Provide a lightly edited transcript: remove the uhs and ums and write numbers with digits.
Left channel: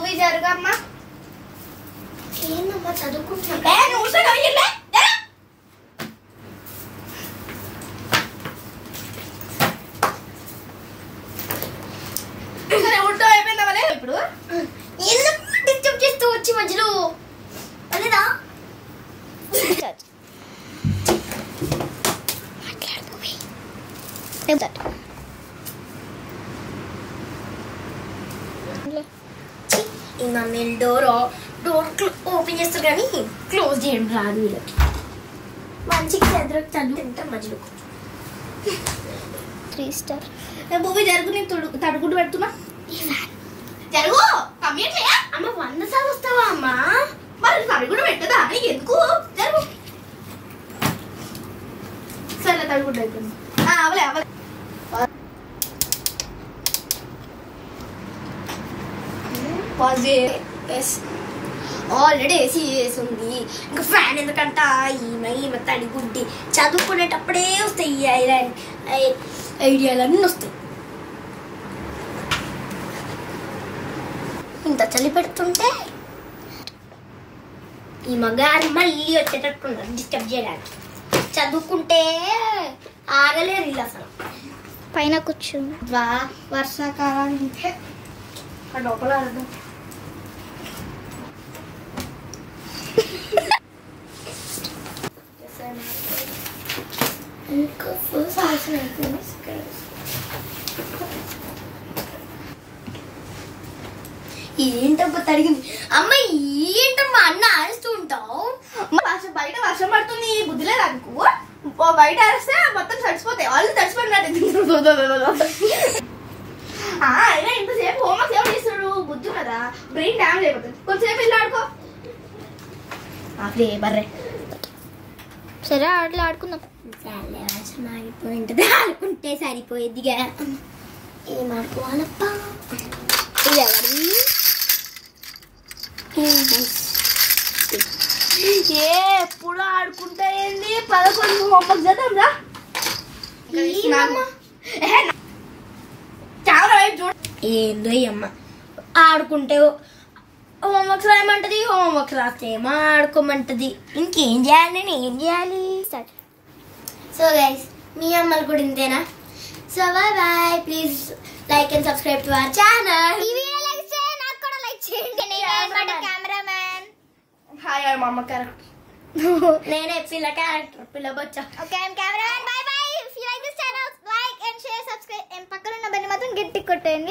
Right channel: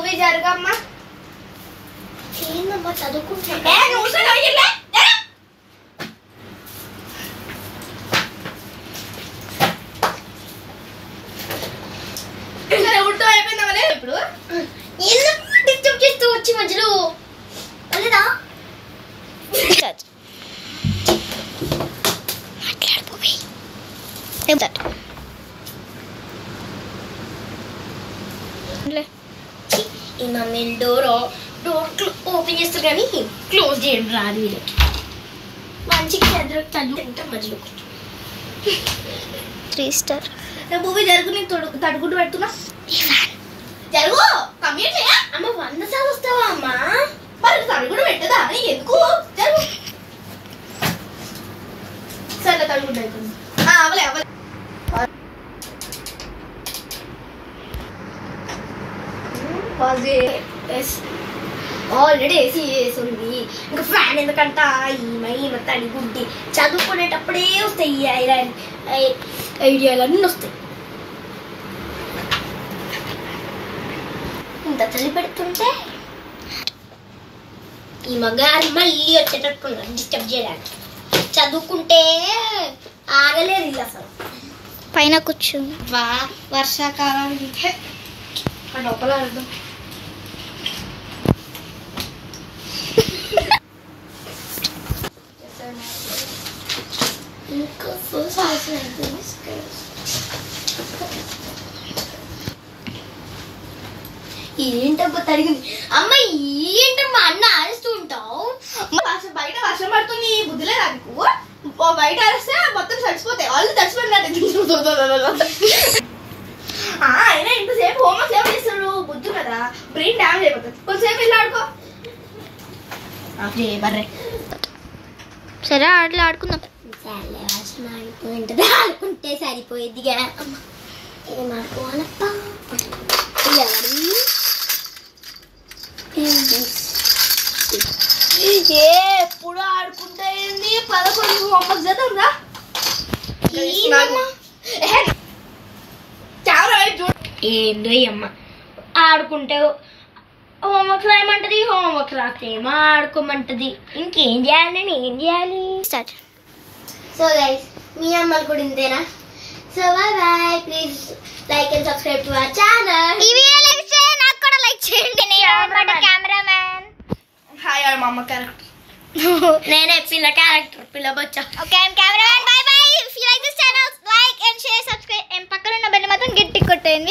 భూమి జరగమ్మా. ఏందమ్మా చదువుకుంటున్నా అయిపోయిందా ఇప్పుడు డిస్టర్బ్ చేస్తూ వచ్చి మధ్యలో లేదా ఈ మమ్మీ డోర్ ఓపెన్ చేస్తారు కానీ క్లోజ్ చేయడం రాదు వీళ్ళకి. మంచిగా చదువుకుంటే మధ్యలో 3 స్టార్. భూమి జరుగు, నీకు తడుగుడు పెడుతున్నా. జరుగు కంప్లీట్ చేయ. అమ్మ 100 సార్లు వస్తావా అమ్మా? మరి తడుగుడు పెట్టదా అని ఎందుకు? జరుగు సరే తడుగుడు అయిపోయింది. అవలే అవలే ఆల్రెడీ ఏసీ వేసింది, ఇంకా ఫ్యాన్ ఎందుకంట. ఈమె తడిగుడ్డి చదువుకునేటప్పుడే వస్తాయి ఈ ఐడియాలన్నీ వస్తాయి. ఇంత చలి పెడుతుంటే ఈ మగారు మళ్ళీ వచ్చేటట్టున్నారు డిస్టర్బ్ చేయడానికి. చదువుకుంటే ఆగలేరు ఇల్లు అసలు. పైన కూర్చో. వర్షాకాలానికి లోపల ఏంటబ్బా తడిగింది అమ్మ. ఏంటమ్మా అన్న ఆడుస్తూ ఉంటావు? బయట వర్షం పడుతుంది, బుద్ధి లేదా నీకు? బయట ఆడిస్తే మొత్తం తడిసిపోతాయి, వాళ్ళు తడిసిపోయినట్టు. అయినా ఇంతసేపు హోంవర్క్ సేవ చేస్తాడు, బుద్ధి కదా, బ్రెయిన్ డ్యామేజ్ అయిపోతుంది. కొంతసేపు వెళ్ళి ఆడుకో. బర్రే సరే ఆటలు ఆడుకుందాం. సరే వర్షం ఆగిపోయింటది, ఆడుకుంటే సరిపోయేదిగా. ఏం ఆడుకోవాలప్ప? ఎప్పుడు ఆడుకుంటా ఏంది? 11 హోంవర్క్ చేద్దాం రా. ఏందో అమ్మ ఆడుకుంటే హోంవర్క్ రాయమంటది, హోంవర్క్ రాస్తే ఏమో ఆడుకోమంటది. ఇంకేం చేయాలి, నేను ఏం చేయాలి? స్టార్ట్. సో గైస్, మీ అమ్మలు కూడా ఇంతేనా? So bye bye. Please like and subscribe to our channel. ఈ వీడియో లైక్ చేయండి, నాకు కూడా లైక్ చేయండి. కెమెరామ్యాన్ హాయ్ మా అమ్మ క్యారెక్టర్. నేనే పిల్ల క్యారెక్టర్, పిల్ల బొచ్చా. Okay I am cameraman. Bye bye. If you like this channel like and share subscribe. పక్కన ఉన్న బెల్ మాత్రం గట్టి కొట్టండి.